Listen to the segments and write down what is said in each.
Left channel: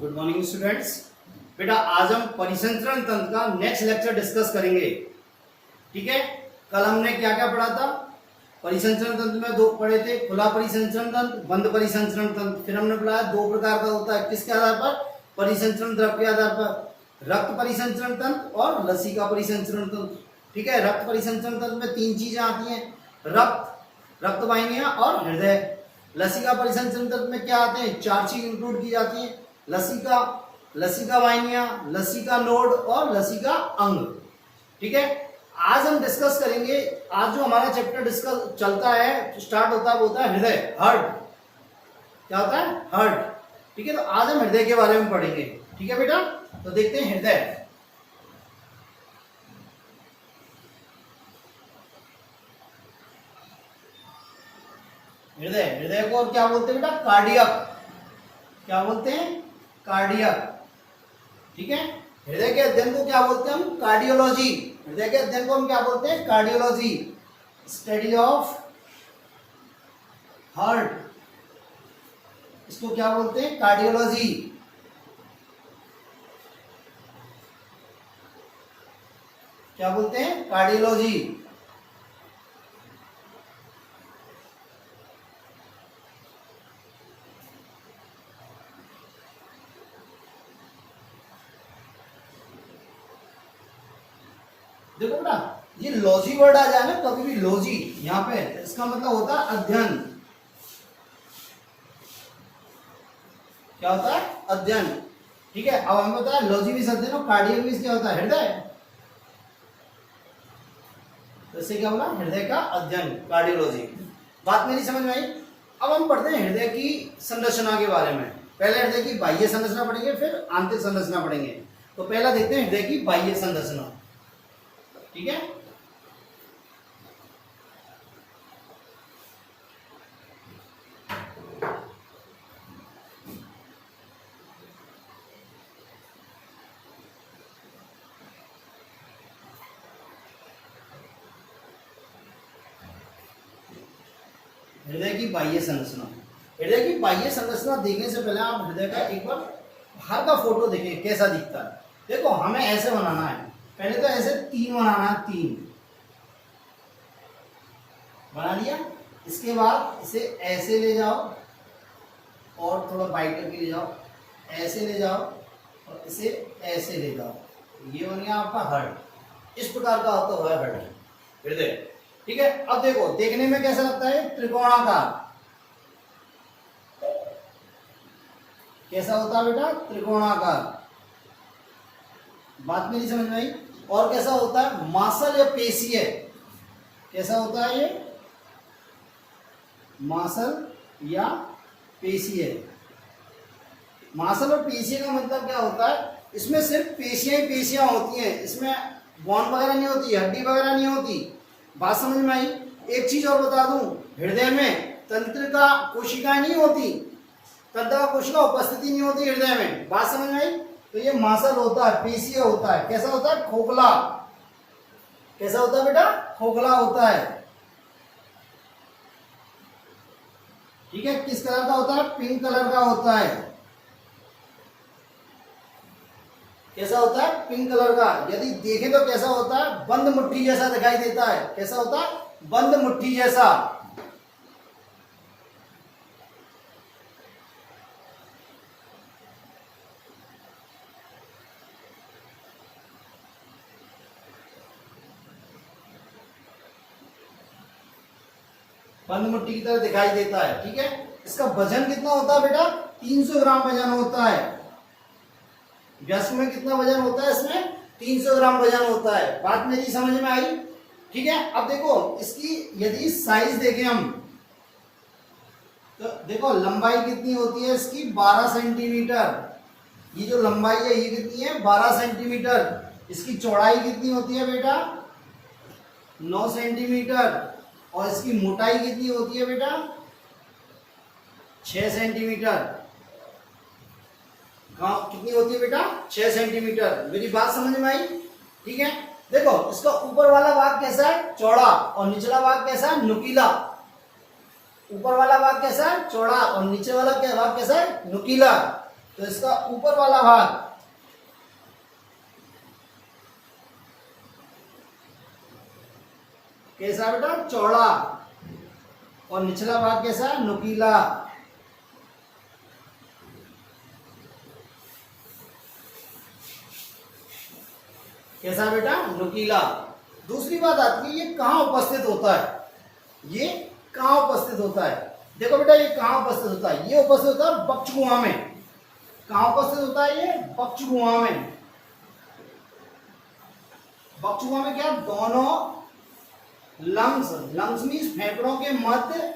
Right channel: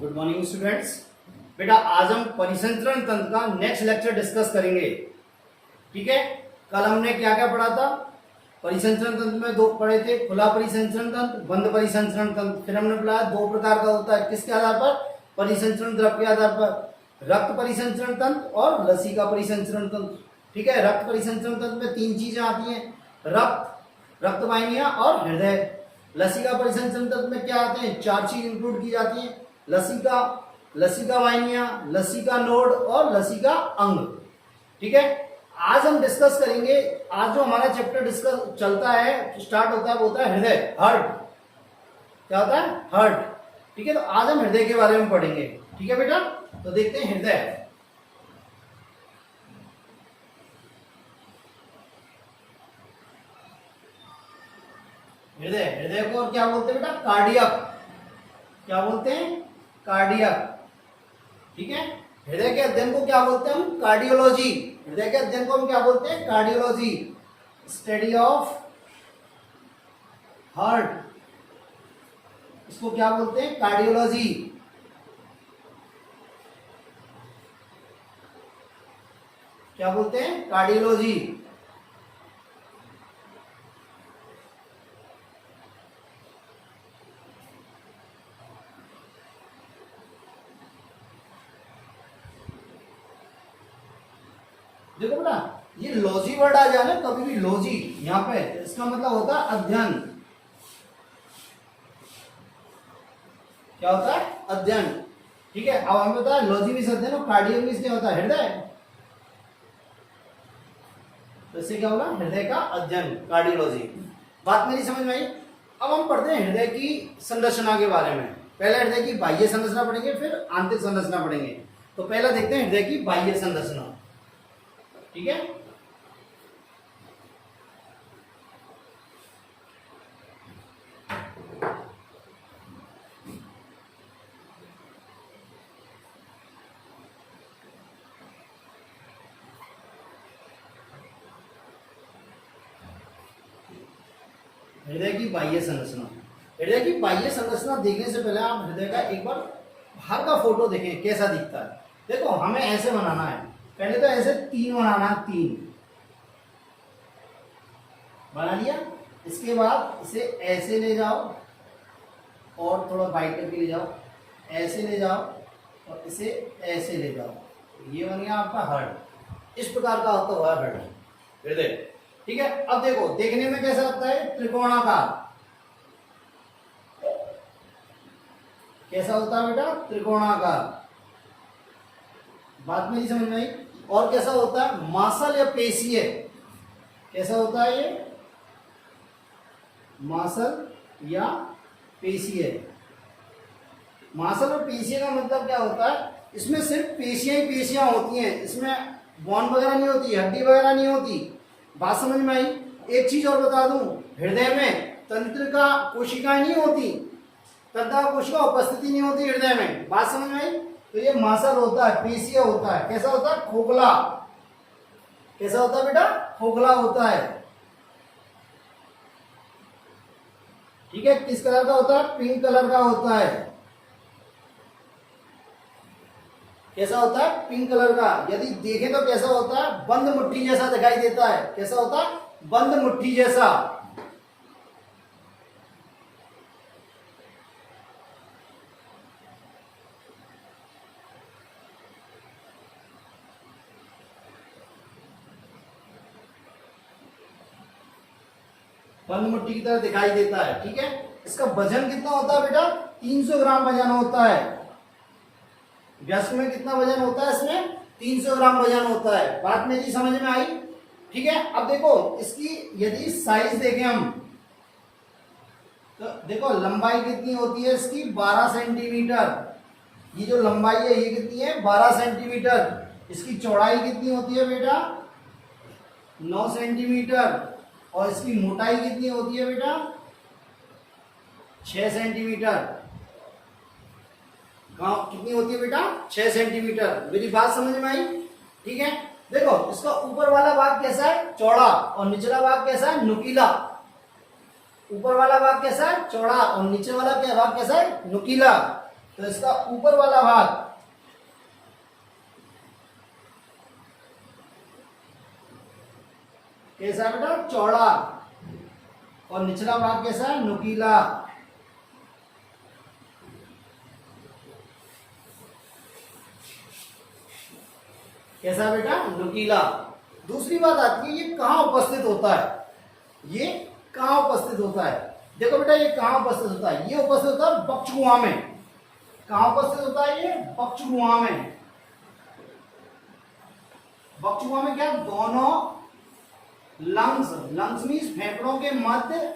Good morning students. बेटा आज हम परिसंचरण तंत्र का नेक्स्ट लेक्चर डिस्कस करेंगे। ठीक है, कल हमने क्या क्या पढ़ा था? परिसंचरण तंत्र में दो पढ़े थे, खुला परिसंचरण तंत्र, बंद परिसंचरण तंत्र। फिर हमने पढ़ा दो प्रकार का होता है, किसके आधार पर? परिसंचरण द्रव के आधार पर, रक्त परिसंचरण तंत्र और लसिका परिसंचरण तंत्र। ठीक है, रक्त परिसंचरण तंत्र में तीन चीजें आती हैं, रक्त वाहिनियां और हृदय। लसिका परिसंचरण तंत्र में क्या आते हैं? चार चीज इंक्लूड की जाती है, लसिका वाहिनियां, लसिका नोड और लसिका अंग। ठीक है, आज हम डिस्कस करेंगे। आज जो हमारा चैप्टर डिस्कस चलता है, स्टार्ट होता है, वो होता है हृदय, हार्ट। क्या होता है? हार्ट। ठीक है, तो आज हम हृदय के बारे में पढ़ेंगे। ठीक है बेटा, तो देखते हैं हृदय। हृदय को और क्या बोलते हैं बेटा? कार्डियक। क्या बोलते हैं? कार्डियक। ठीक है, हृदय के अध्ययन को क्या बोलते हैं हम? कार्डियोलॉजी। हृदय के अध्ययन को हम क्या बोलते हैं? Cardiology, study of heart. इसको क्या बोलते हैं? कार्डियोलॉजी। क्या बोलते हैं? कार्डियोलॉजी। देखो बेटा, ये लॉजी वर्ड आ जाए ना कभी भी, लॉजी यहाँ पे, इसका मतलब होता है अध्ययन। क्या होता है? अध्ययन। ठीक है, अब हमें पता है लॉजी भी अध्ययन और कार्डियक भी क्या होता है? हृदय। तो इससे क्या बोला? हृदय का अध्ययन, कार्डियोलॉजी। बात मेरी समझ में आई? अब हम पढ़ते हैं हृदय की संरचना के बारे में। पहले हृदय की बाह्य संरचना पढ़ेंगे, फिर आंतरिक संरचना पढ़ेंगे। तो पहला देखते हैं हृदय की बाह्य संरचना। ठीक है, हृदय की बाह्य संरचना। हृदय की बाह्य संरचना देखने से पहले आप हृदय का एक बार बाहर का फोटो देखें, कैसा दिखता है। देखो, हमें ऐसे बनाना है। पहले तो ऐसे तीन बनाना है, तीन बना लिया। इसके बाद इसे ऐसे ले जाओ और थोड़ा बाइट करके ले जाओ, ऐसे ले जाओ और इसे ऐसे ले जाओ। ये बन गया आपका हार्ट। इस प्रकार का होता है हार्ट, हृदय। ठीक है, अब देखो, देखने में कैसा लगता है? त्रिकोणाकार। कैसा होता है बेटा? त्रिकोणाकार। बात मेरी समझ में आई? और कैसा होता है? मांसल या पेशीय। कैसा होता है ये? मांसल या पेशीय। मांसल और पेशीय का मतलब क्या होता है? इसमें सिर्फ पेशियां ही पेशियां होती हैं, इसमें बोन वगैरह नहीं होती, हड्डी वगैरह नहीं होती। बात समझ में आई? एक चीज और बता दूं, हृदय में तंत्रिका कोशिकाएं नहीं होती, तंत्रिका कोशिका उपस्थिति नहीं होती हृदय में। बात समझ में आई? तो ये मांसल होता है, पेशीय होता है। कैसा होता है? खोखला। कैसा होता है बेटा? खोखला होता है। ठीक है, किस कलर का होता है? पिंक कलर का होता है। कैसा होता है? पिंक कलर का। यदि देखें तो कैसा होता है? बंद मुट्ठी जैसा दिखाई देता है। कैसा होता है? बंद मुट्ठी जैसा। बंद मुट्ठी की तरह दिखाई देता है। ठीक है, इसका वजन कितना होता है बेटा? 300 ग्राम वजन होता है। व्यस्क में कितना वजन होता है? इसमें 300 ग्राम वजन होता है। बात मेरी समझ में आई? ठीक है, अब देखो, इसकी यदि साइज देखें हम, तो देखो लंबाई कितनी होती है इसकी? 12 सेंटीमीटर। ये जो लंबाई है ये कितनी है? 12 सेंटीमीटर। इसकी चौड़ाई कितनी होती है बेटा? 9 सेंटीमीटर। और इसकी मोटाई कितनी होती है बेटा? 6 सेंटीमीटर। कितनी होती है बेटा? 6 सेंटीमीटर। मेरी बात समझ में आई? ठीक है, देखो इसका ऊपर वाला भाग कैसा है? चौड़ा। और निचला भाग कैसा है? नुकीला। ऊपर वाला भाग कैसा है? चौड़ा और नीचे वाला क्या भाग कैसा है? नुकीला। तो इसका ऊपर वाला भाग कैसा है बेटा, चौड़ा, और निचला भाग कैसा है, नुकीला। कैसा है बेटा, नुकीला। दूसरी बात आती है, ये कहाँ उपस्थित होता है, ये कहाँ उपस्थित होता है। देखो बेटा ये कहाँ उपस्थित होता है, ये उपस्थित होता है बक्षगुहा में। कहाँ उपस्थित होता है ये, बक्षगुहा में। बक्षगुहा में क्या, दोनों लंग्स, लंग्स मीन्स फेफड़ों के मध्य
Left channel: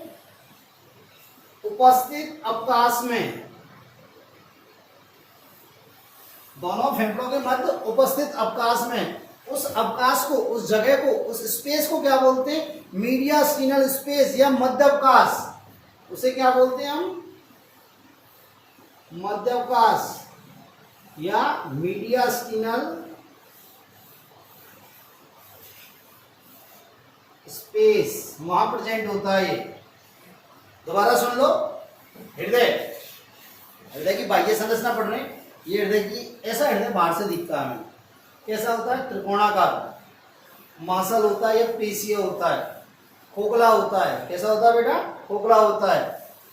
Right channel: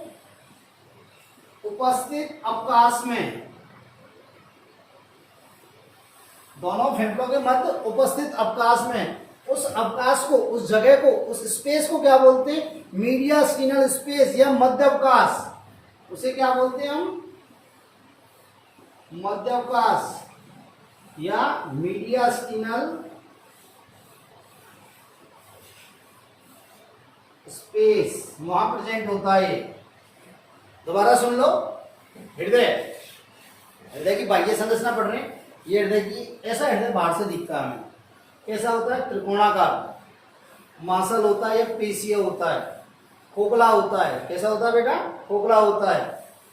उपस्थित अवकाश में, दोनों फेफड़ों के मध्य उपस्थित अवकाश में, उस अवकाश को, उस जगह को, उस स्पेस को क्या बोलते हैं, मीडियास्टिनल स्पेस या मध्य अवकाश। उसे क्या बोलते हैं हम, मध्य अवकाश या मीडियास्टिनल स्पेस, वहां प्रेजेंट होता है। दोबारा सुन लो, हृदय, हृदय की बाह्य संरचना पढ़ रहे हैं। ये हृदय की, ऐसा हृदय बाहर से दिखता है हमें, कैसा होता है, त्रिकोणाकार, मांसल होता है या पेशीय होता है, खोखला होता है। कैसा होता है बेटा, खोखला होता है,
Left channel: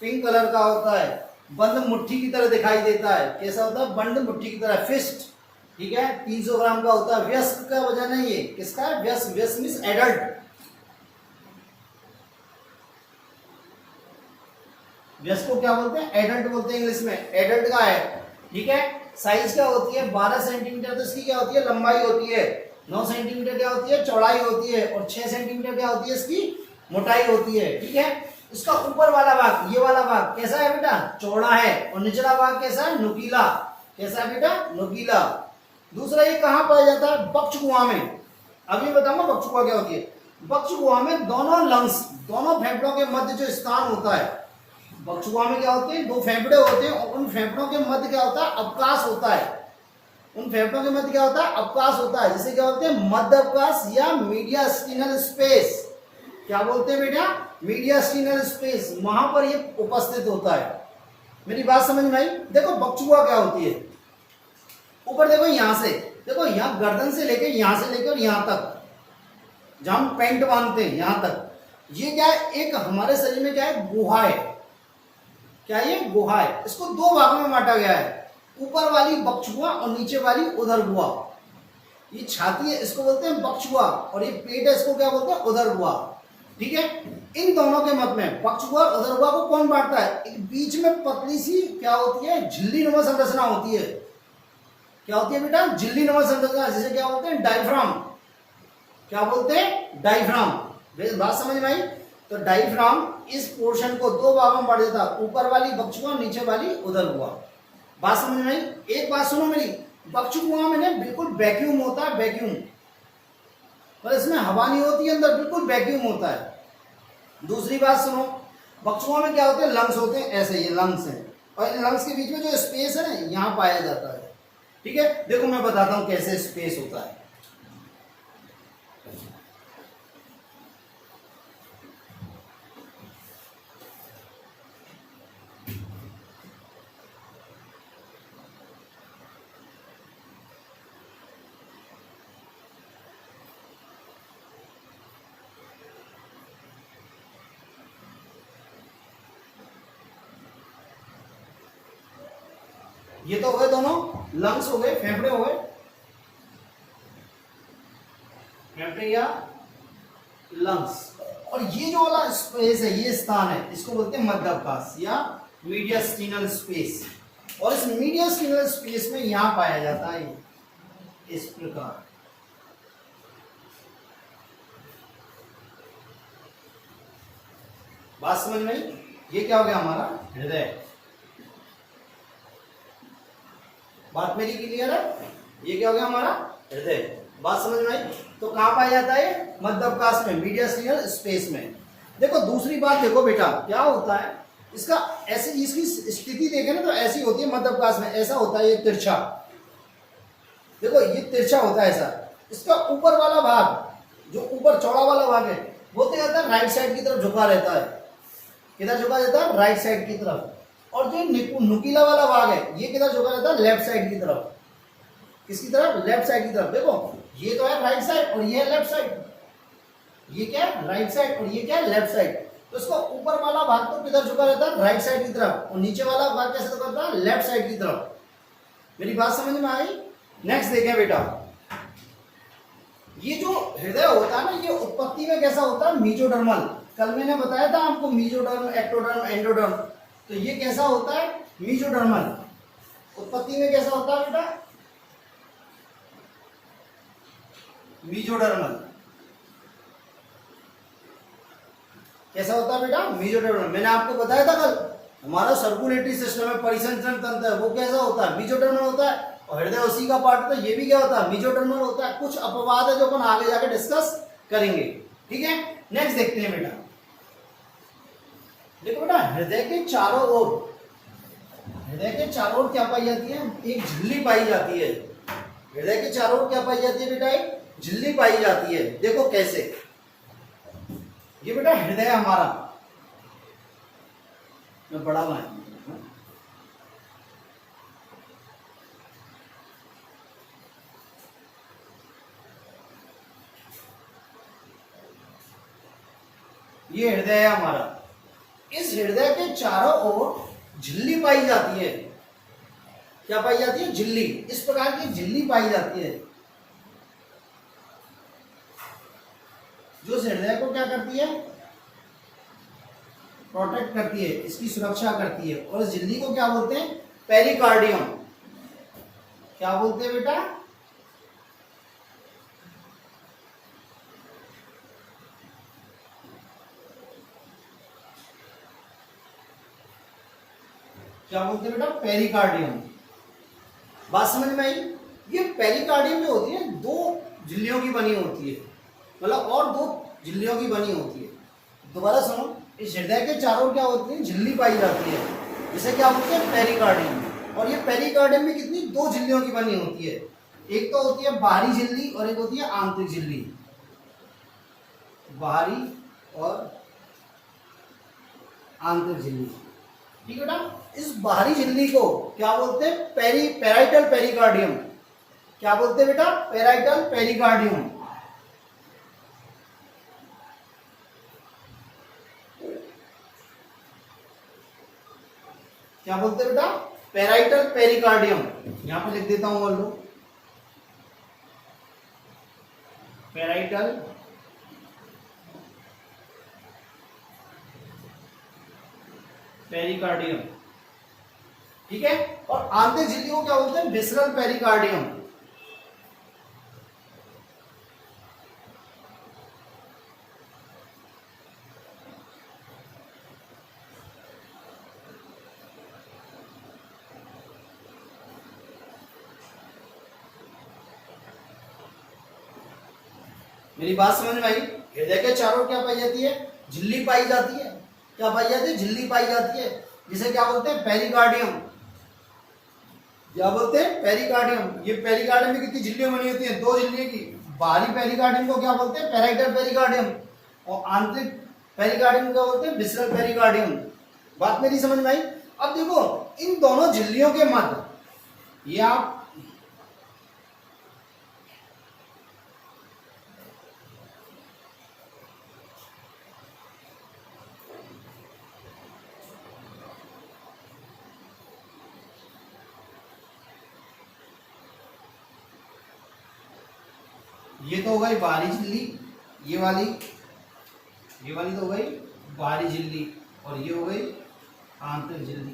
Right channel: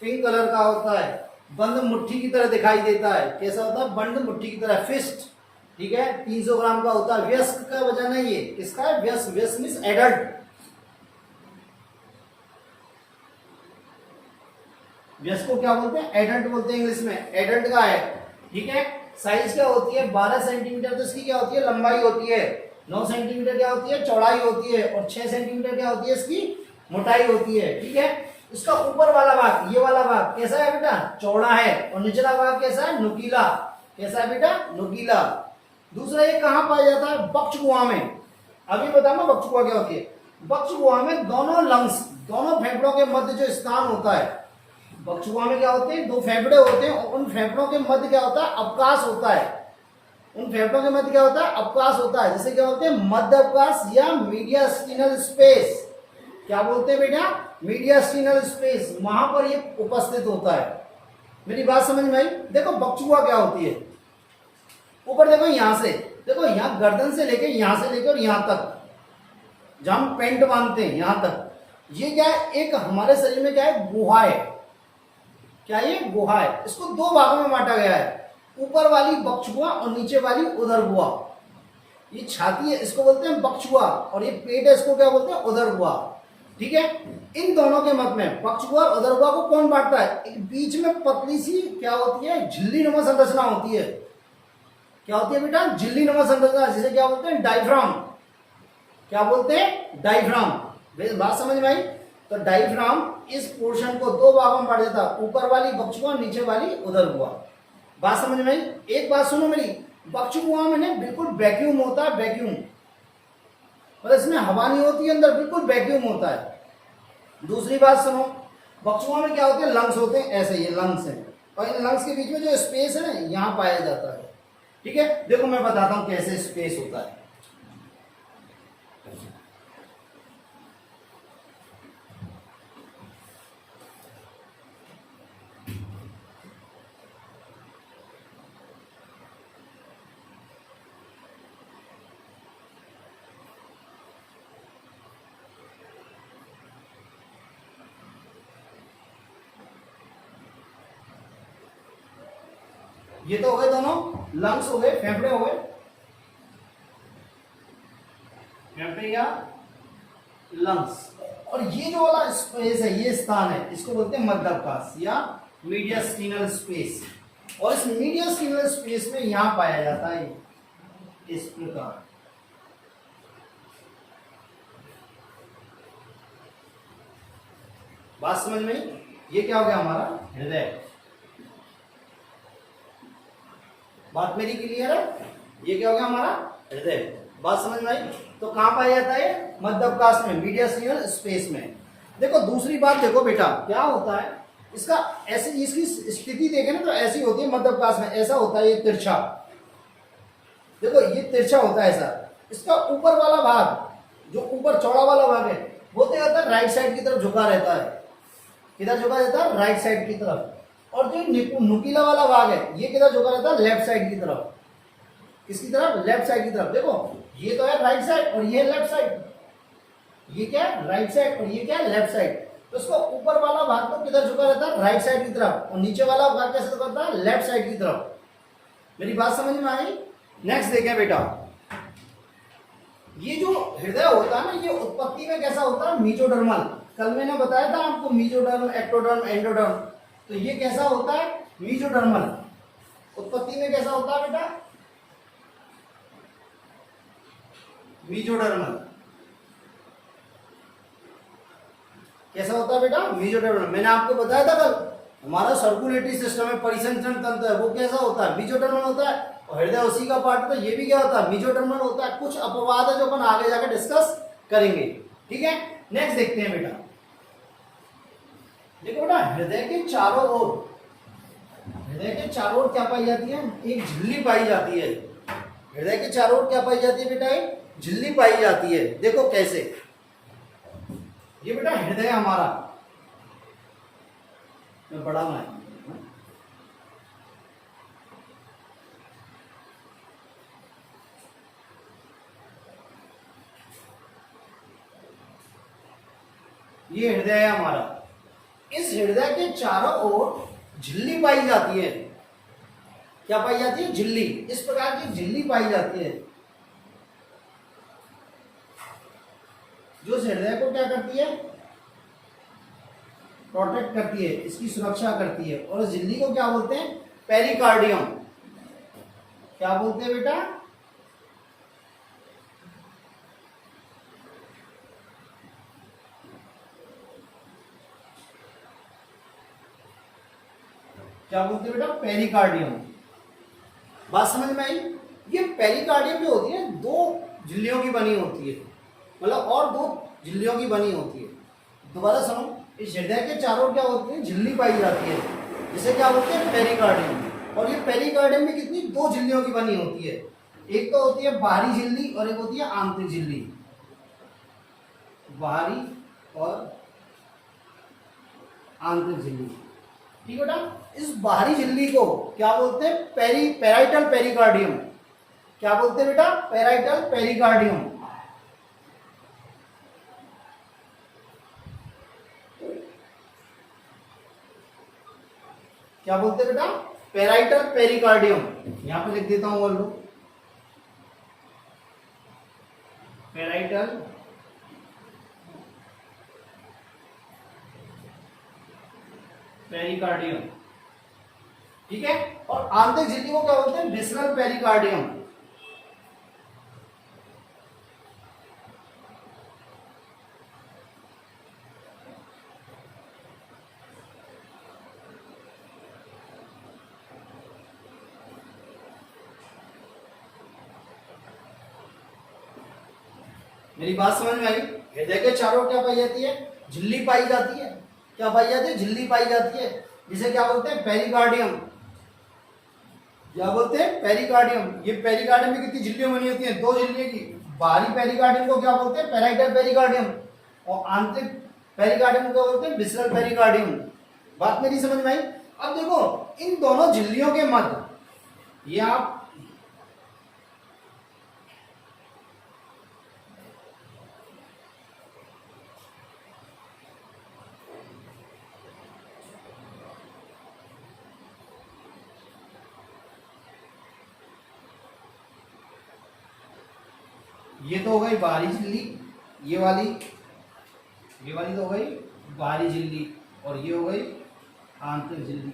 पिंक कलर का होता है, बंद मुट्ठी की तरह दिखाई देता है। कैसा होता है, बंद मुट्ठी की तरह, फिस्ट, ठीक है। 300 ग्राम का होता है। व्यस्क का वजन है ये, किसका है, व्यस्क, व्यस्क मीन्स एडल्ट। व्यस्क को क्या बोलते हैं, एडल्ट बोलते हैं इंग्लिश में, एडल्ट का है, ठीक है। साइज क्या होती है, 12 सेंटीमीटर तो इसकी क्या होती है, लंबाई होती है। 9 सेंटीमीटर क्या होती है, चौड़ाई होती है, और 6 सेंटीमीटर क्या होती है, इसकी मोटाई होती है, ठीक है। इसका ऊपर वाला भाग, ये वाला भाग कैसा है बेटा, चौड़ा है, और निचला भाग कैसा है, नुकीला। कैसा है बेटा, नुकीला। दूसरा ये कहाँ पाया जाता है, बक्षगुहा में। अभी बताऊंगा बक्षगुहा क्या होती है। बक्षगुहा में दोनों लंग्स, दोनों फेफड़ों के मध्य जो स्थान होता है, बक्षगुहा में क्या होते हैं, दो फेफड़े होते हैं, और उन फेफड़ों के मध्य क्या होता है, अवकाश होता है। उन फेफड़ों के मध्य क्या होता है, अवकाश होता है, जिसे क्या बोलते हैं, मध्य अवकाश या मीडियास्टिनल स्पेस। क्या बोलते हैं बेटा, मीडियास्टिनल स्पेस, वहां पर ये उपस्थित होता है। मेरी बात समझ में आई। देखो बक्षगुहा क्या होती है, ऊपर देखो, यहां से देखो, यहां गर्दन से लेके, यहां से लेकर यहां तक, जहां हम पेंट बांधते हैं यहां तक, ये क्या है, एक हमारे शरीर में क्या है, गुहा है। क्या ये गुहा है। इसको दो भागों में बांटा गया है, ऊपर वाली बक्षगुहा और नीचे वाली उदरगुहा। ये छाती है, इसको बोलते हैं बक्षगुहा, और ये पेट है, इसको क्या बोलते हैं, उदरगुहा, ठीक है। इन दोनों के मध्य में बक्षगुहा और उदरगुहा को कौन बांटता है, एक बीच में पतली सी क्या होती है, झिल्ली नुमा संरचना होती है। क्या होती है बेटा, झिल्ली नुमा संरचना, जिसे क्या बोलते हैं, डायफ्राम। क्या बोलते हैं, डायफ्राम। बात समझ में आई। तो डायफ्राम इस पोर्शन को दो भागों में बांट देता है, ऊपर वाली बक्षगुहा, नीचे वाली उदरगुहा। बात समझ में आई। एक बात सुनो मेरी, बक्षगुहा में ना बिल्कुल वैक्यूम होता है, वैक्यूम, पर इसमें हवा नहीं होती है अंदर, बिल्कुल वैक्यूम होता है। दूसरी बात सुनो, बक्षगुहा में क्या होते हैं, लंग्स होते हैं, ऐसे ये लंग्स हैं, और इन लंग्स के बीच में जो स्पेस है ना, यहाँ पाया जाता है, ठीक है। देखो मैं बताता हूं कैसे स्पेस होता है। ये तो हो गए दोनों लंग्स, हो गए फेफड़े, हो गए फेफड़े या लंग्स। और ये जो वाला स्पेस है, ये स्थान है, इसको बोलते हैं मध्य अवकाश या मीडियास्टिनल स्पेस। और इस मीडियास्टिनल स्पेस में यहां पाया जाता है इस प्रकार। बात समझ में, ये क्या हो गया, हमारा हृदय। बात मेरी क्लियर है। ये क्या हो गया, हमारा हृदय। बात समझ में आई। तो कहां पाया जाता है, मध्य अवकाश में, मीडियास्टिनल स्पेस में। देखो दूसरी बात, देखो बेटा क्या होता है, इसका ऐसे, इसकी स्थिति देखें ना तो ऐसी होती है मध्य अवकाश में, ऐसा होता है ये तिरछा। देखो ये तिरछा होता है ऐसा। इसका ऊपर वाला भाग, जो ऊपर चौड़ा वाला भाग है, वो क्या होता है, राइट साइड की तरफ झुका रहता है। किधर झुका रहता है, राइट साइड की तरफ। और जो नुकीला वाला भाग है ये किधर झुका रहता है, लेफ्ट साइड की तरफ। किसकी तरफ, लेफ्ट साइड की तरफ। देखो ये तो है राइट साइड और ये है लेफ्ट साइड, ये क्या है राइट साइड और ये क्या है लेफ्ट साइड। तो इसको ऊपर वाला भाग तो किधर झुका रहता है, राइट साइड की तरफ, और नीचे वाला भाग कैसे झुका रहता है, लेफ्ट साइड की तरफ। मेरी बात समझ में आई। नेक्स्ट देखें बेटा, ये जो हृदय होता है ना, ये उत्पत्ति में कैसा होता है, मीजोडर्मल। कल मैंने बताया था आपको मीजोडर्म, एक्टोडर्म, एंडोडर्म। तो ये कैसा होता है, मीजोडर्मल। उत्पत्ति में कैसा होता है बेटा, मीजोडर्मल। कैसा होता है बेटा, मीजोडर्मल। मैंने आपको बताया था कल, हमारा सर्कुलेटरी सिस्टम है, परिसंचरण तंत्र है, वो कैसा होता है, मीजोडर्मल होता है। और हृदय उसी का पार्ट, तो ये भी क्या होता है, मीजोडर्मल होता है। कुछ अपवाद है जो अपन आगे जाकर डिस्कस करेंगे, ठीक है। नेक्स्ट देखते हैं बेटा, देखो बेटा हृदय के चारों ओर, हृदय के चारों ओर क्या पाई जाती है, एक झिल्ली पाई जाती है। हृदय के चारों ओर क्या पाई जाती है बेटा, एक झिल्ली पाई जाती है। देखो कैसे, ये बेटा हृदय हमारा, मैं बड़ा बनाया, ये हृदय है हमारा। इस हृदय के चारों ओर झिल्ली पाई जाती है। क्या पाई जाती है, झिल्ली। इस प्रकार की झिल्ली पाई जाती है जो इस हृदय को क्या करती है, प्रोटेक्ट करती है, इसकी सुरक्षा करती है। और इस झिल्ली को क्या बोलते हैं, पेरिकार्डियम। क्या बोलते हैं बेटा, क्या बोलते हैं बेटा, पेरिकार्डियम। बात समझ में आई। ये पेरिकार्डियम जो होती है दो झिल्लियों की बनी होती है, मतलब और दो झिल्लियों की बनी होती है। दोबारा सुनो, इस हृदय के चारों क्या होती है, झिल्ली पाई जाती है, जिसे क्या बोलते हैं, पेरिकार्डियम। और ये पेरिकार्डियम में कितनी, दो झिल्लियों की बनी होती है। एक तो होती है बाहरी झिल्ली और एक होती है आंतरिक झिल्ली। बाहरी और आंतरिक झिल्ली, ठीक है बेटा। इस बाहरी झिल्ली को क्या बोलते हैं, पेराइटल पेरिकार्डियम। क्या बोलते हैं बेटा, पेराइटल पेरिकार्डियम। क्या बोलते हैं बेटा, पेराइटल पेरिकार्डियम। यहां पे लिख देता हूं, बोल लो पेराइटल पेरिकार्डियम, ठीक है। और आंतरिक झिल्ली को क्या बोलते हैं, विसरल पेरिकार्डियम। मेरी बात समझ में आई। हृदय के चारों क्या पाई जाती है, झिल्ली पाई जाती है। क्या पाई जाती है, झिल्ली पाई जाती है, जिसे क्या बोलते हैं, पेरिकार्डियम। क्या बोलते हैं, पेरिकार्डियम। ये पेरिकार्डियम में कितनी झिल्लियां बनी होती हैं, दो झिल्लियों की। बाहरी पेरिकार्डियम को क्या बोलते हैं, पेराइटल पेरिकार्डियम। और आंतरिक पेरिकार्डियम को क्या बोलते हैं, विसरल पेरिकार्डियम। बात मेरी समझ में आई। अब देखो इन दोनों झिल्लियों के मध्य, ये आप ये तो हो गई बाहरी झिल्ली, ये वाली तो हो गई बाहरी झिल्ली, और ये हो गई आंतरिक झिल्ली।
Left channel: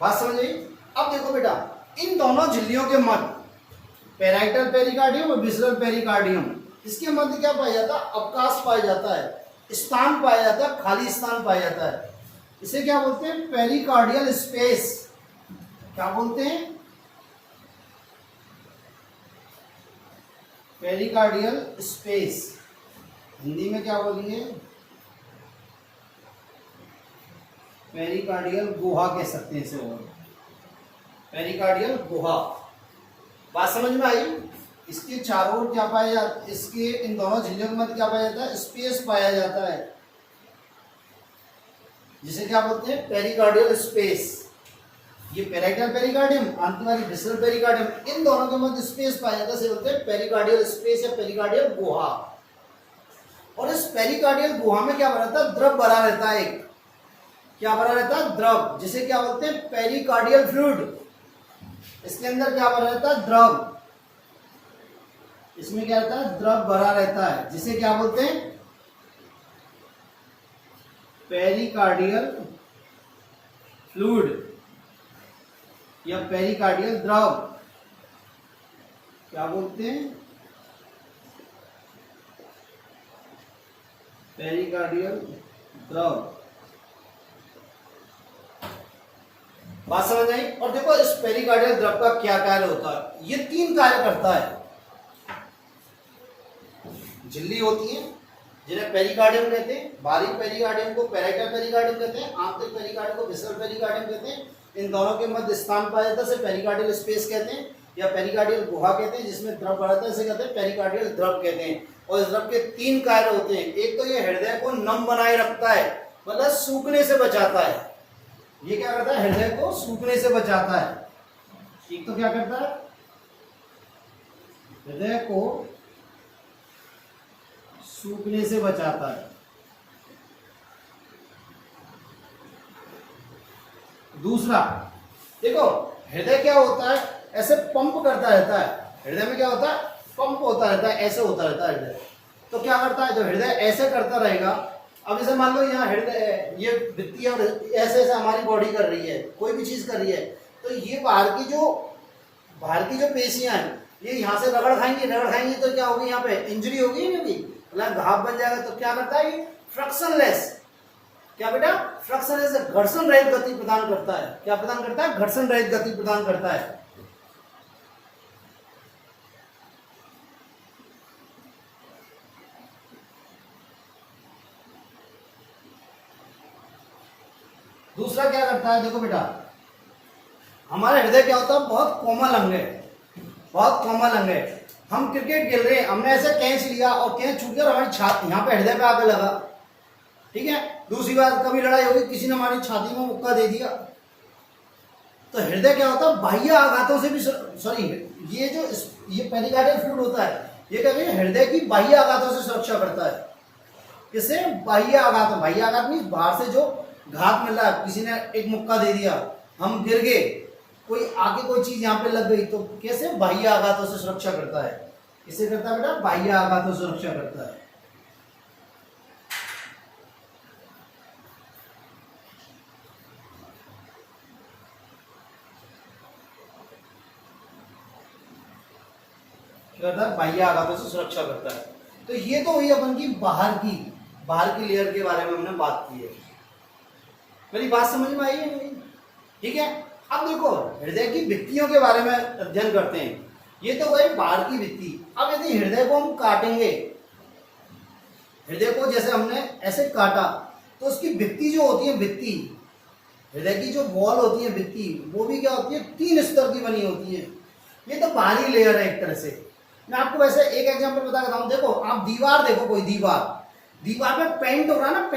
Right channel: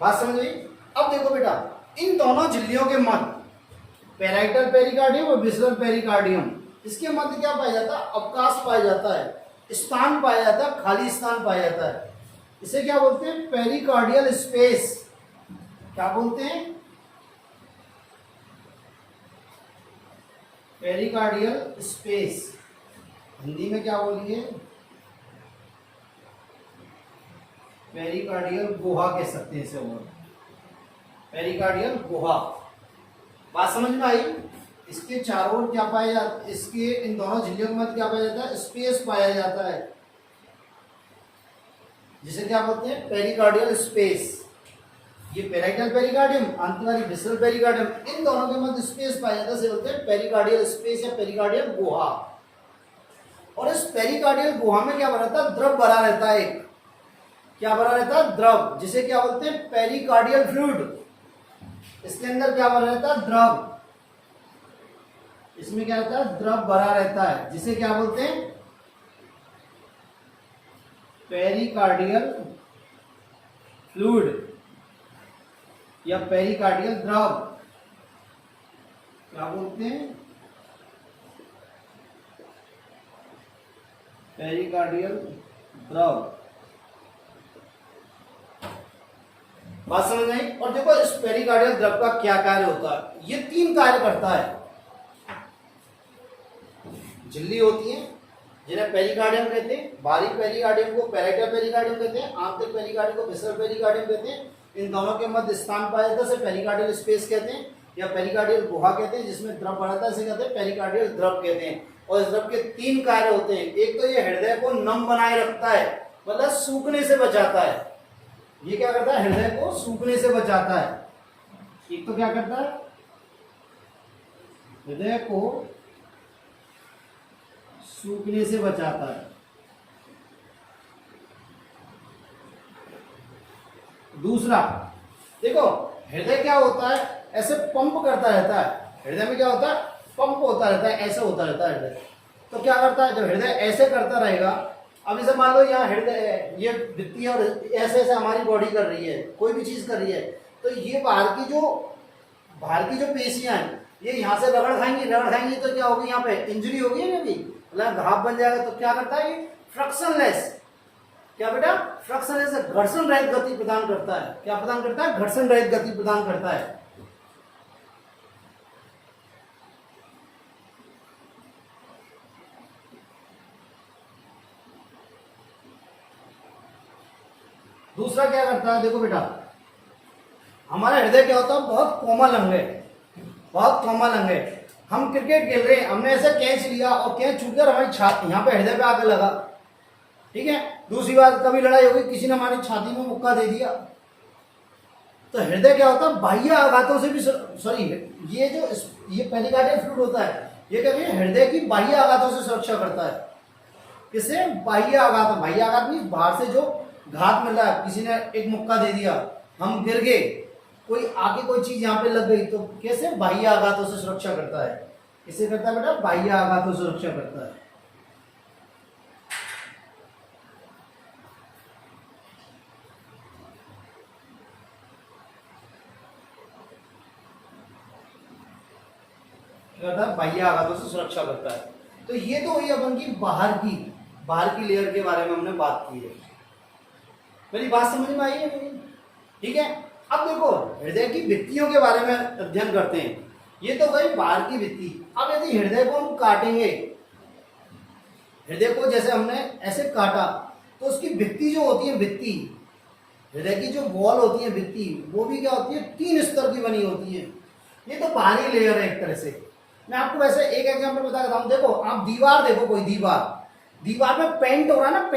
बात समझ गई। अब देखो बेटा इन दोनों झिल्लियों के मध्य, पेराइटल पेरिकार्डियम और विसरल पेरिकार्डियम, इसके मध्य क्या पाया जाता है, अवकाश पाया जाता है, स्थान पाया जाता है, खाली स्थान पाया जाता है। इसे क्या बोलते हैं, पेरिकार्डियल स्पेस। क्या बोलते हैं, पेरिकार्डियल स्पेस। हिंदी में क्या बोलेंगे, पेरिकार्डियल गुहा कह सकते हैं इसे, पेरिकार्डियल गुहा। बात समझ में आई। इसके चारों ओर क्या पाया जाता है, इसके इन दोनों झिल्लियों के मध्य क्या पाया जाता है, स्पेस पाया जाता है। जिसे क्या बोलते हैं, पेरिकार्डियल स्पेस। ये पेराइटल पेरिकार्डियम, अंत वाली विसरल पेरिकार्डियम, इन दोनों के मध्य स्पेस पाया जाता है, इसे बोलते हैं पेरिकार्डियल स्पेस या पेरिकार्डियल गुहा। और इस पेरिकार्डियल गुहा में क्या भरा रहता है, द्रव भरा रहता है। एक क्या भरा रहता है, द्रव, जिसे क्या बोलते हैं, पेरिकार्डियल फ्लूइड। इसके अंदर क्या भरा रहता है, द्रव। इसमें क्या रहता है, द्रव भरा रहता है, जिसे क्या बोलते हैं, पेरिकार्डियल फ्लूइड या पेरिकार्डियल द्रव। क्या बोलते हैं, पेरिकार्डियल द्रव। बात समझ आई। और देखो इस पेरिकार्डियल द्रव का क्या कार्य होता है, ये 3 कार्य करता है। झिल्ली होती है जिन्हें पेरिकार्डियम कहते हैं, बारीक पेरिकार्डियम को पेराइटल पेरिकार्डियम कहते हैं, आंतरिक पेरिकार्डियम को विसरल पेरिकार्डियम कहते हैं। इन दोनों के मध्य स्थान पाया जाता है, इसे पेरिकार्डियल स्पेस कहते हैं या पेरिकार्डियल गुहा कहते हैं, जिसमें द्रव भरा रहता है, इसे कहते हैं पेरिकार्डियल द्रव कहते हैं। और इस द्रव के 3 कार्य होते हैं। एक तो ये हृदय को नम बनाए रखता है, मतलब सूखने से बचाता है। ये क्या करता है, हृदय को सूखने से बचाता है। एक तो क्या करता है, हृदय को सूखने से बचाता है। दूसरा देखो, हृदय क्या होता है, ऐसे पंप करता रहता है। हृदय में क्या होता है, पंप होता रहता है, ऐसे होता रहता है हृदय। तो क्या करता है, जब हृदय ऐसे करता रहेगा, अब इसे मान लो यहाँ हृदय, ये भित्ति और ऐसे ऐसे हमारी बॉडी कर रही है, कोई भी चीज कर रही है, तो ये बाहर की जो पेशियां हैं, ये यहाँ से रगड़ खाएंगी तो क्या होगी, यहाँ पे इंजरी होगी ना, मतलब घाव बन जाएगा। तो क्या करता है, फ्रिक्शनलेस, क्या बेटा, फ्रिक्शनलेस, घर्षण रहित गति प्रदान करता है। क्या प्रदान करता है, घर्षण रहित गति प्रदान करता है। दूसरा क्या करता है, देखो बेटा, हमारे हृदय क्या होता है, बहुत कोमल अंग है, बहुत कोमल अंग है। हम क्रिकेट खेल रहे हैं, हमने ऐसे कैच लिया और कैच छूट गया और हमारी छाती यहाँ पे हृदय पे आके लगा, ठीक है। दूसरी बात, कभी लड़ाई होगी, किसी ने हमारी छाती में मुक्का दे दिया, तो हृदय क्या होता है, बाह्य आघातों से भी, सॉरी, ये पेरिकार्डियल फ्लूइड होता है, ये क्या है, हृदय की बाह्य आघातों से सुरक्षा करता है। किससे, बाह्य आघात। बाह्य आघात नहीं, बाहर से जो घात मिल रहा है, किसी ने एक मुक्का दे दिया, हम गिर गए, कोई आके कोई चीज यहाँ पे लग गई, तो कैसे, बाह्य आघातों से सुरक्षा करता है। किससे करता है बेटा, बाह्य आघातों से सुरक्षा करता है। बाह्य आघातों से सुरक्षा करता है। तो ये तो हुई अपन की बाहर की लेयर के बारे में हमने बात की है। मेरी बात समझ में आई है, ठीक है। अब देखो, हृदय की भित्तियों के बारे में अध्ययन करते हैं। ये तो गई बाहर की भित्ति। अब यदि हृदय को हम काटेंगे, हृदय को जैसे हमने ऐसे काटा, तो उसकी भित्ति जो होती है, भित्ति, हृदय की जो वॉल होती है, भित्ति, वो भी क्या होती है, 3 स्तर की बनी होती है। ये तो बाहरी लेयर है एक तरह से। मैं आपको वैसे एक एग्जांपल बता देता हूं। देखो, आप दीवार देखो, कोई दीवार में पेंट हो रहा है ना,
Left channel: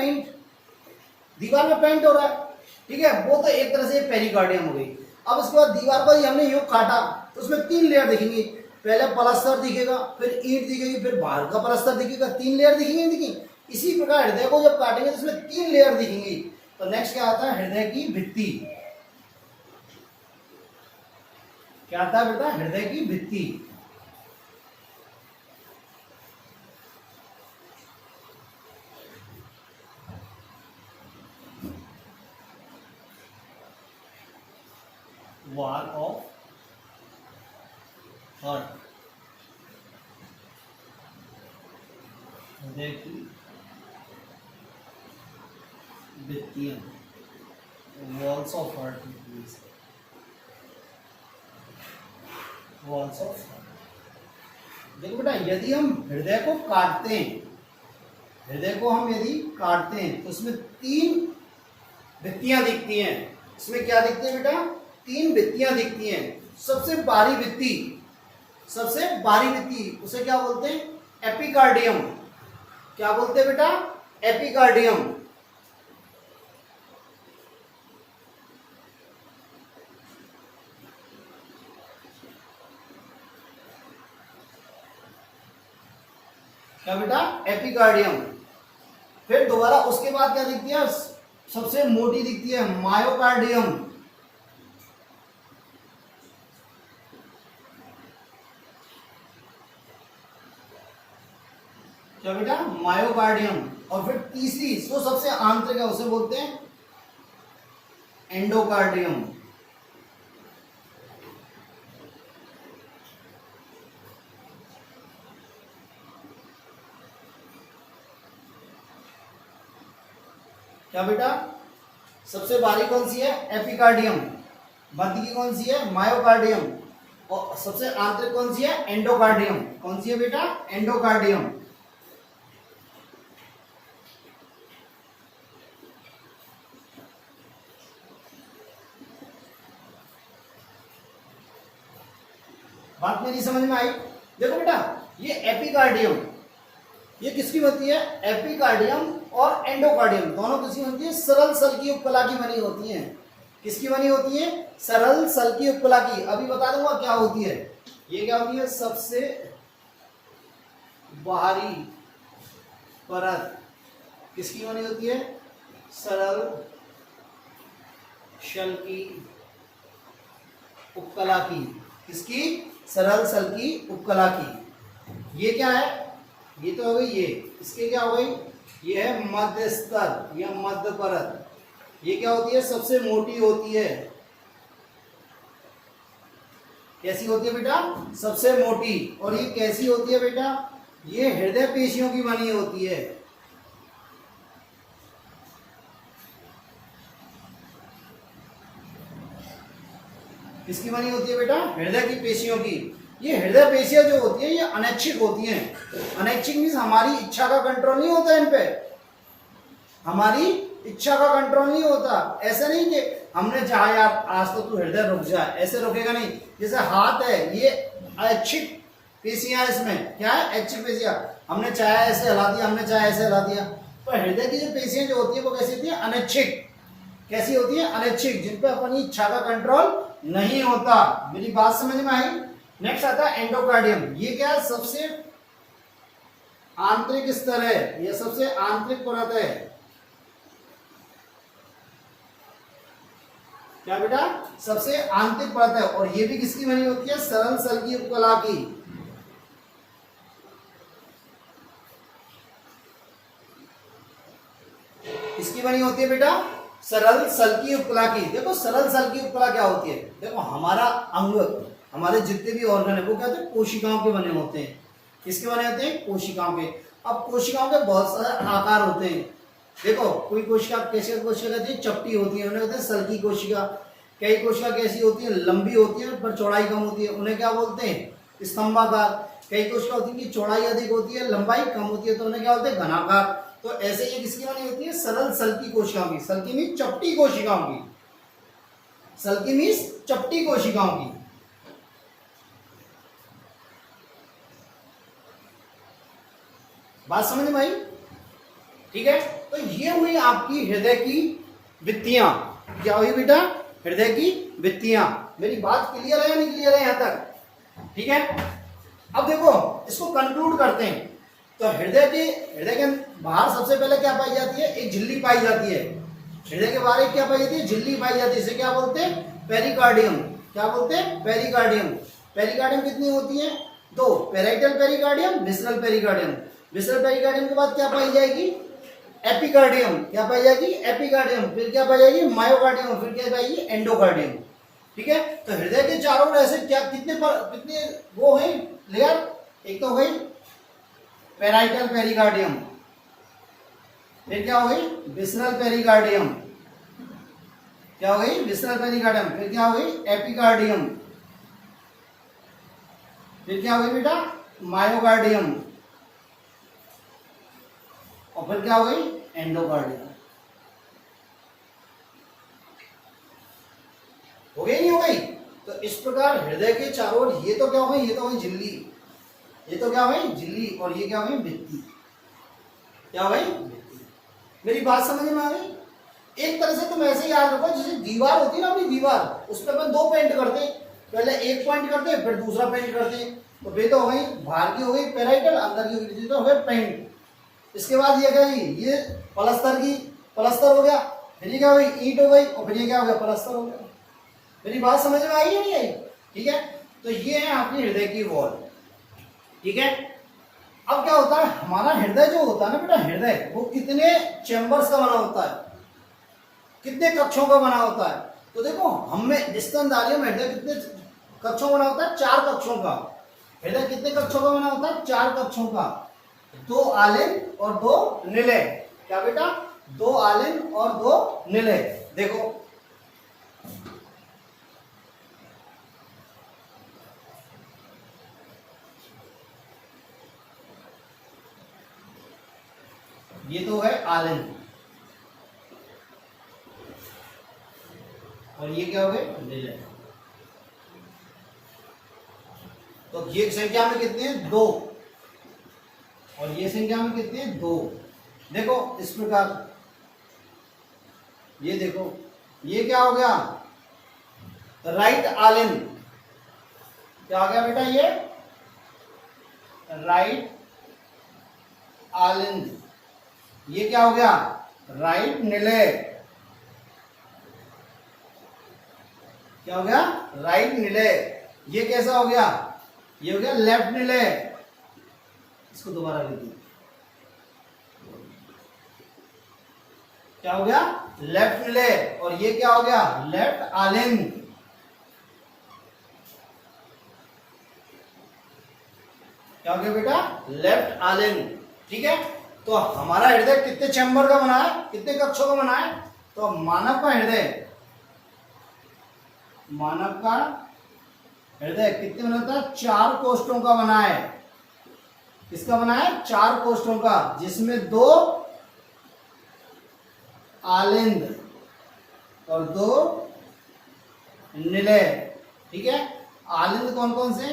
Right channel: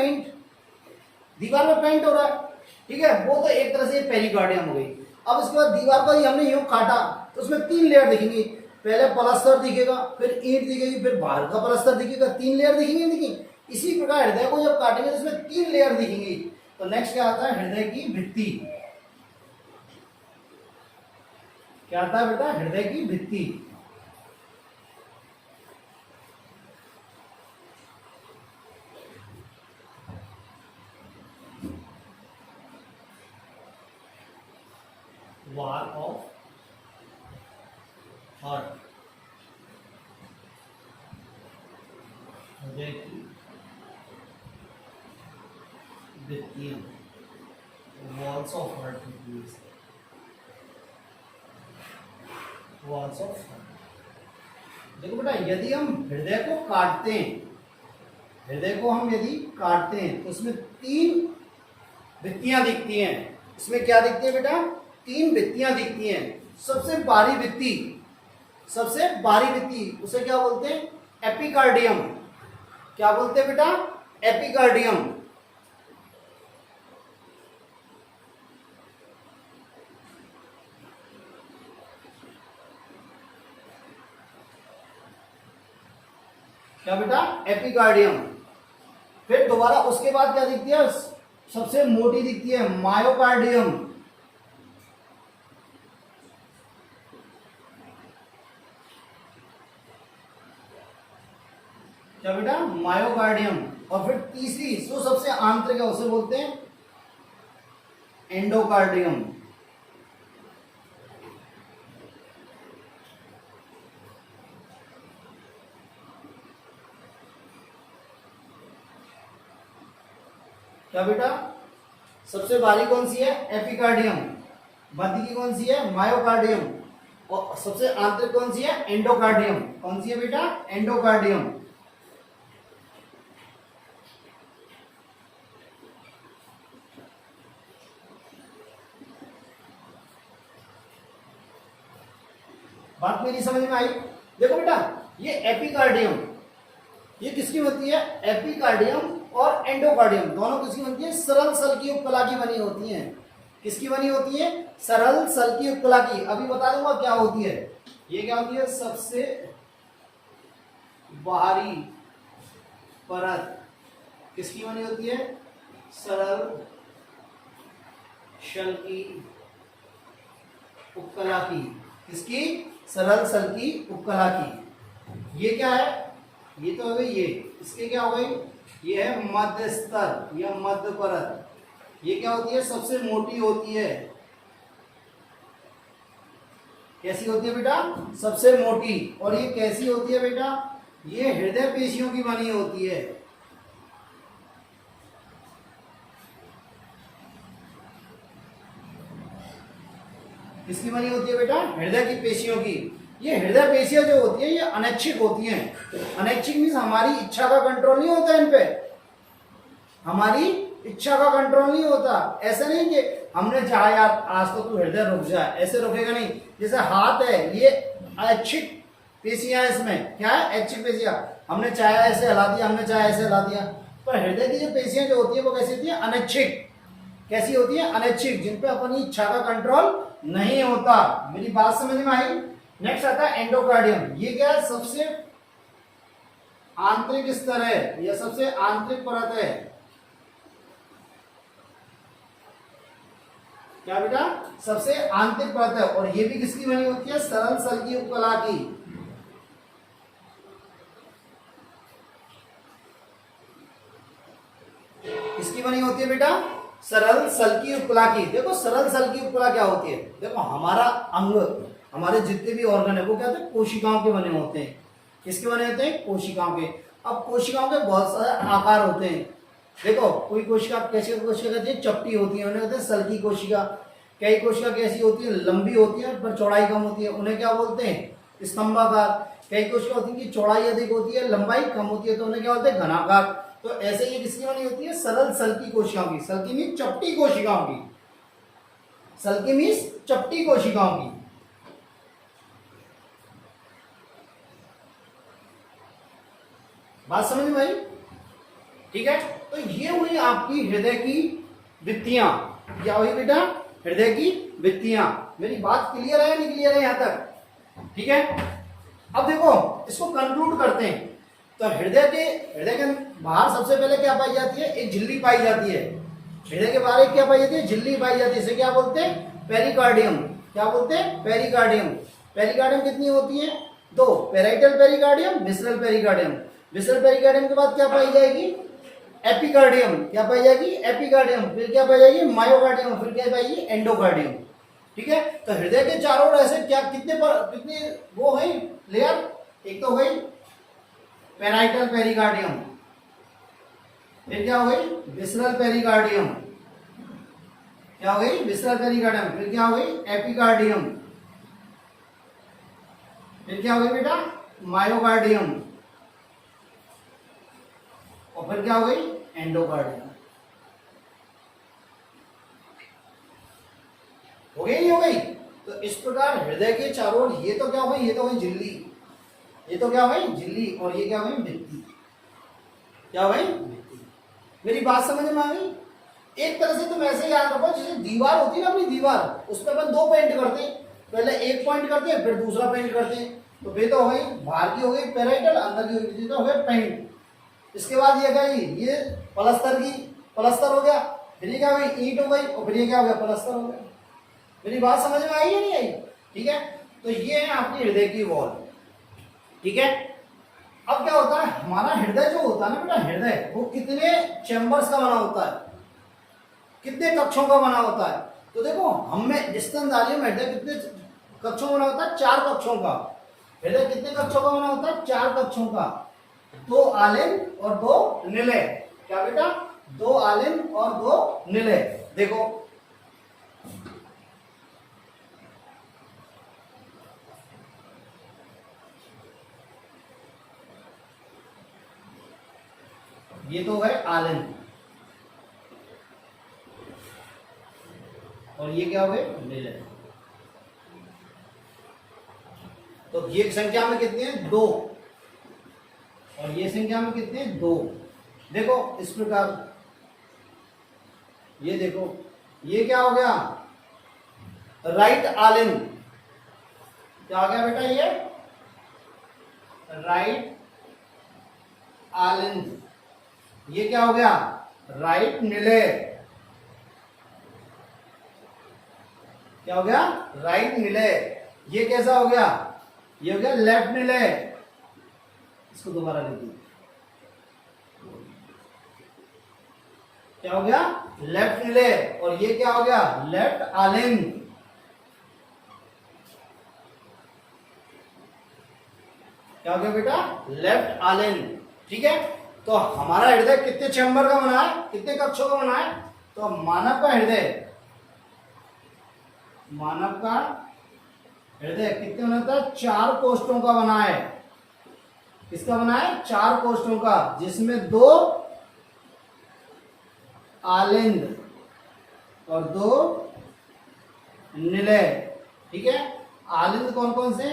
दीवार में पेंट हो रहा है, ठीक है, वो तो एक तरह से पेरिकार्डियम हो गई। अब उसके बाद दीवार को ही हमने यूं काटा, तो उसमें 3 लेयर दिखेंगी। पहले प्लास्टर दिखेगा, फिर ईंट दिखेगी, फिर बाहर का प्लास्टर दिखेगा, 3 लेयर दिखेंगी। इसी प्रकार हृदय को जब काटेंगे तो उसमें 3 लेयर दिखेंगी। तो नेक्स्ट क्या आता है, हृदय की भित्ति। क्या आता है बेटा, हृदय की भित्ति। वॉल ऑफ हार्ट, हृदय की भित्तियां, walls of heart, walls of heart. देखो बेटा, यदि हम हृदय को काटते हैं, तो उसमें 3 भित्तियां दिखती हैं। इसमें क्या दिखती है बेटा, 3 भित्तियां दिखती हैं। सबसे बारी भित्ति, उसे क्या बोलते हैं, एपिकार्डियम। क्या बोलते हैं बेटा, एपिकार्डियम। क्या बेटा, एपिकार्डियम। फिर दोबारा उसके बाद क्या दिखती है, सबसे मोटी दिखती है मायोकार्डियम। क्या बेटा, मायोकार्डियम। और फिर तीसरी जो सबसे आंतरिक है उसे बोलते हैं एंडोकार्डियम। क्या बेटा, सबसे बारीक कौन सी है, एपिकार्डियम। मध्य की कौन सी है, मायोकार्डियम। और सबसे आंतरिक कौन सी है, एंडोकार्डियम। कौन सी है बेटा, एंडोकार्डियम। बात मेरी समझ में आई। देखो बेटा, ये एपिकार्डियम, ये किसकी बनती है, एपिकार्डियम और एंडोकार्डियम दोनों किसकी बनती है, सरल सल की उपकला की बनी होती हैं। किसकी बनी होती है, सरल सल की उपकला की। अभी बता दूंगा क्या होती है। ये क्या होती है, सबसे बाहरी परत किसकी बनी होती है, सरल शल की उपकला की। किसकी, सरल सल की उपकला की। ये क्या है, ये तो हो गई ये, इसके क्या हो गई, ये है मध्य स्तर या मध्य परत। ये क्या होती है, सबसे मोटी होती है। कैसी होती है बेटा, सबसे मोटी। और ये कैसी होती है बेटा, ये हृदय पेशियों की बनी होती है। किसकी बनी होती है बेटा, हृदय की पेशियों की। ये हृदय पेशियां जो होती है ये अनैच्छिक होती हैं। अनैच्छिक मीन्स हमारी इच्छा का कंट्रोल नहीं होता इन पे, हमारी इच्छा का कंट्रोल नहीं होता। ऐसा नहीं कि हमने चाहा यार आज तो तू हृदय रुक जाए, ऐसे रुकेगा नहीं। जैसे हाथ है, ये ऐच्छिक पेशियां, इसमें क्या है, ऐच्छिक पेशियां। हमने चाहे ऐसे हिला दिया, हमने चाहे ऐसे हिला दिया। पर हृदय की जो पेशियां जो होती है वो कैसी होती है, अनैच्छिक। कैसी होती है, अनैच्छिक, जिन पे अपनी इच्छा का कंट्रोल नहीं होता। मेरी बात समझ में आई। नेक्स्ट आता है एंडोकार्डियम। ये क्या है, सबसे आंतरिक स्तर है, यह सबसे आंतरिक परत है। क्या बेटा, सबसे आंतरिक परत है। और ये भी किसकी बनी होती है, सरल सल की उपकला की। किसकी बनी होती है बेटा, सरल सल की उपकला की। देखो सरल सल की उपकला क्या होती है, देखो हमारा अंग, हमारे जितने भी ऑर्गन है वो क्या होते हैं, कोशिकाओं के बने होते हैं। किसके बने होते हैं, कोशिकाओं के। अब कोशिकाओं के बहुत सारे आकार होते हैं। देखो कोई कोशिका कैसी कोशिका कहती है, चपटी होती है, उन्हें कहते हैं सल की कोशिका। कई कोशिका कैसी होती है, लंबी होती है पर चौड़ाई कम होती है, उन्हें क्या बोलते हैं, स्तंभाकार। कई कोशिका होती है कि चौड़ाई अधिक होती है, लंबाई कम होती है, तो उन्हें क्या बोलते हैं, घनाकार। तो ऐसे ये किसकी बनी होती है, सरल सल की कोशिकाओं की। सल की मीन्स चपटी कोशिकाओं की, सल की मीन्स चपटी कोशिकाओं की। बात समझ में आई, ठीक है। तो ये हुई आपकी हृदय की भित्तियां। क्या हुई बेटा, हृदय की भित्तियां। मेरी बात क्लियर है या नहीं क्लियर है यहां तक, ठीक है। अब देखो इसको कंक्लूड करते हैं। तो हृदय के बाहर सबसे पहले क्या पाई जाती है, एक झिल्ली पाई जाती है। हृदय के बाहर क्या पाई जाती है, झिल्ली पाई जाती है। इसे क्या बोलते हैं, पेरिकार्डियम। क्या बोलते हैं, पेरिकार्डियम। पेरिकार्डियम कितनी होती है, दो, parietal pericardium, visceral pericardium. Visceral pericardium के बाद क्या पाई जाएगी, एपिकार्डियम। क्या पाई जाएगी, एपिकार्डियम। फिर क्या पाई जाएगी, मायोकार्डियम। फिर क्या पाएगी, एंडोकार्डियम। ठीक है। तो हृदय के चारों ओर ऐसे क्या कितने वो है लेयर, एक तो हुई पेराइटल पेरिकार्डियम, फिर क्या हो गई, विसरल पेरिकार्डियम। क्या हो गई, विसरल पेरिकार्डियम। फिर क्या हो गई, एपिकार्डियम। फिर क्या हो गई बेटा, मायोकार्डियम। और फिर क्या हो गई, एंडोकार्डियम। हो गई नहीं हो गई। तो इस प्रकार हृदय के चारों ओर ये तो क्या हो गई, ये तो हो गई झिल्ली, ये तो क्या हो गई झिल्ली, और ये क्या हो गई भित्ति। क्या हो गई भित्ति। मेरी बात समझ में आ गई। एक तरह से तुम ऐसे याद रखो, जैसे दीवार होती है ना अपनी दीवार, उस पर अपन दो पेंट करते हैं। पहले एक पॉइंट करते हैं, फिर दूसरा पेंट करते हैं। तो बेटा हो गई बाहर की, हो गई पेराइटल, अंदर की होगी तो हो गया पेंट। इसके बाद ये क्या जी, ये प्लस्तर हो गया, फिर ये क्या हुई ईंट हो गई, और फिर ये क्या हो गया प्लस्तर हो गया। मेरी बात समझ में आई है नहीं आई? ठीक है, तो ये है आपकी हृदय की वॉल। ठीक है, अब क्या होता है, हमारा हृदय जो होता है ना बेटा, हृदय वो कितने चैम्बर्स का बना होता है, कितने कक्षों का बना होता है? तो देखो हमें स्तनधारी में हृदय कितने कक्षों का बना होता है? 4 कक्षों का। हृदय कितने कक्षों का बना होता है? 4 कक्षों का। 2 आलिंद और 2 निलय। क्या बेटा? 2 आलिंद और 2 निलय। देखो ये तो है आलिंद, और ये क्या हो गए निलय। तो ये संख्या में कितने हैं? 2, और ये संख्या में कितने हैं? 2। देखो इस प्रकार, ये देखो ये क्या हो गया? राइट आलिंद। क्या हो गया बेटा? ये राइट आलिंद। ये क्या हो गया? राइट निलय। क्या हो गया? राइट निलय। ये कैसा हो गया? ये हो गया लेफ्ट निलय। इसको दोबारा लिख दो। क्या हो गया? लेफ्ट निलय। और ये क्या हो गया? लेफ्ट आलिंद। क्या हो गया बेटा? लेफ्ट आलिंद। ठीक है, तो हमारा हृदय कितने चैम्बर का बना है, कितने कक्षों का बना है? तो मानव का हृदय कितने बना है? 4 कोष्ठों का बना है। किसका बना है? 4 कोष्ठों का, जिसमें 2 आलिंद और 2 निलय। ठीक है, आलिंद कौन कौन से?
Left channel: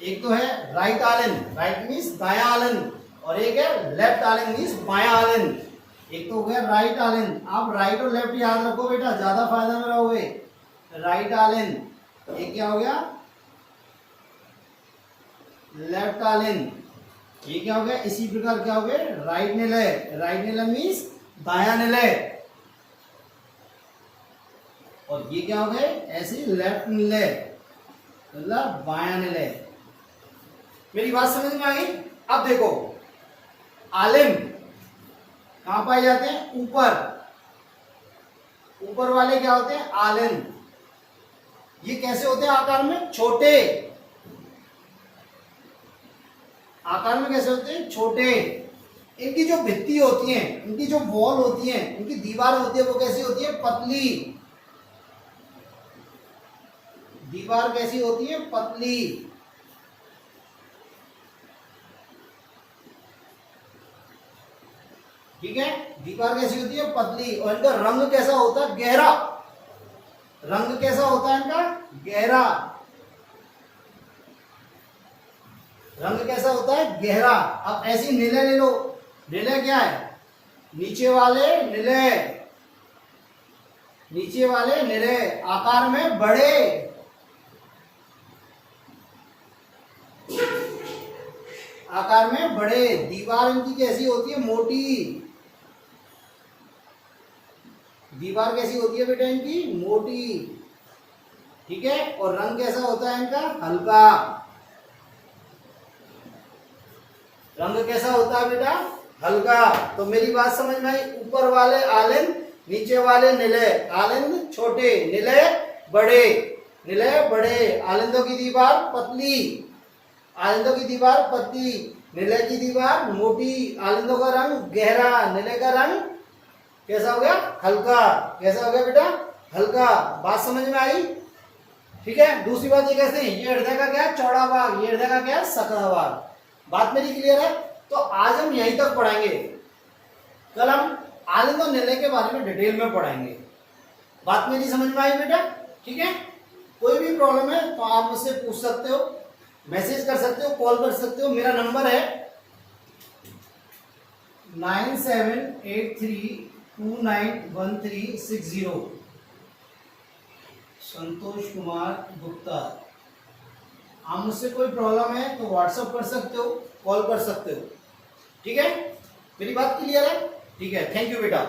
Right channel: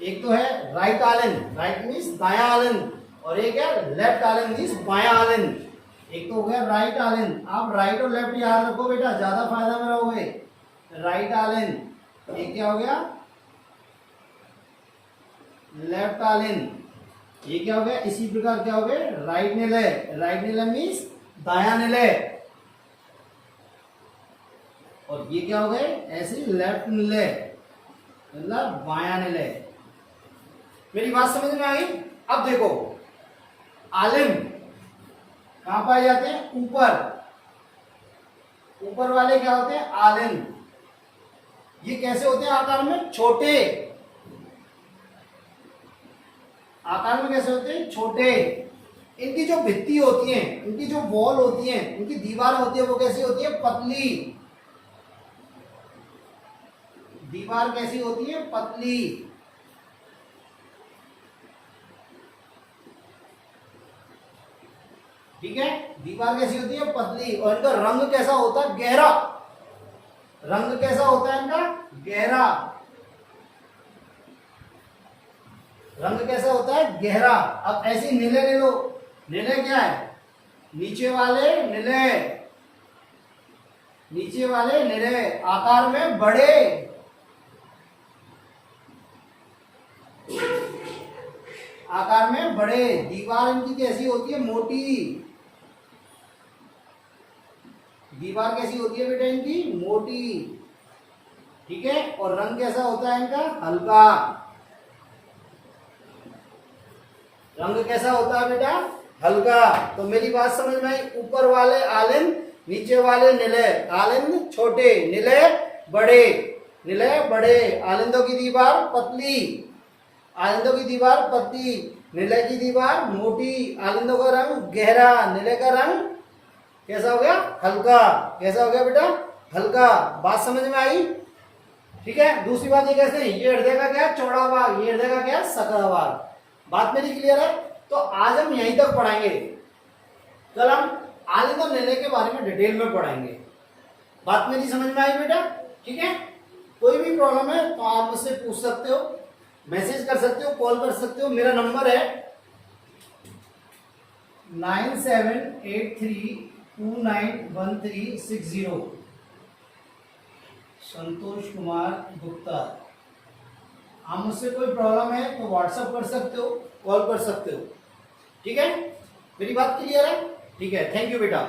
एक तो है राइट आलिंद, राइट मीन्स दायां आलिंद, और एक है लेफ्ट आलिंद मीन्स बायां आलिंद। एक तो हो गया राइट आलिंद। आप राइट और लेफ्ट याद रखो बेटा, ज्यादा फायदा में रहोगे। राइट आलिंद, ये क्या हो गया? लेफ्ट आलिंद। ये क्या हो गया? इसी प्रकार क्या हो गया? राइट निलय। राइट निलय मीन्स दायां निलय। और ये क्या हो गए? ऐसे लेफ्ट निलय मतलब बायां निलय। मेरी बात समझ में आ गई? अब देखो आलिंद कहां पाए जाते हैं? ऊपर वाले क्या होते हैं? आलिंद। ये कैसे होते हैं आकार में? छोटे। आकार में कैसे होते हैं? छोटे। इनकी जो भित्ति होती है, इनकी जो वॉल होती है, इनकी दीवार होती है, वो कैसी होती है? पतली। दीवार कैसी होती है? पतली। ठीक है, दीवार कैसी होती है? पतली। और इनका रंग कैसा होता है? गहरा। रंग कैसा होता है इनका? गहरा। रंग कैसा होता है? गहरा। अब ऐसी निलय ले लो। निलय क्या है? नीचे वाले निलय, नीचे वाले निलय आकार में बड़े। आकार में बड़े। दीवार इनकी कैसी होती है? मोटी। दीवार कैसी होती है बेटा इनकी? मोटी। ठीक है, और रंग कैसा होता है इनका? हल्का। रंग कैसा होता है बेटा? हल्का। तो मेरी बात समझ में आई? ऊपर वाले आलिंद, नीचे वाले निलय। आलिंद छोटे, निलय बड़े। निलय बड़े। आलिंदों की दीवार पतली, आलिंदों की दीवार पतली, निलय की दीवार मोटी। आलिंदों का रंग गहरा, निलय का रंग कैसा हो गया? हल्का। कैसा हो गया बेटा? हल्का। बात समझ में आई? ठीक है, दूसरी बात ये कैसे? ये हृदय का क्या है? चौड़ा भाग। ये हृदय का क्या है? सकरा भाग। बात मेरी क्लियर है? तो आज हम यहीं तक पढ़ाएंगे। कल हम आलिंद और निलय के बारे में डिटेल में पढ़ाएंगे। बात मेरी समझ में आई बेटा? ठीक है, कोई भी प्रॉब्लम है तो आप मुझसे पूछ सकते हो, मैसेज कर सकते हो, कॉल कर सकते हो। मेरा नंबर है 9783291360। संतोष कुमार गुप्ता। आप मुझसे कोई प्रॉब्लम है तो व्हाट्सअप कर सकते हो, कॉल कर सकते हो। ठीक है, मेरी बात क्लियर है? ठीक है, थैंक यू बेटा।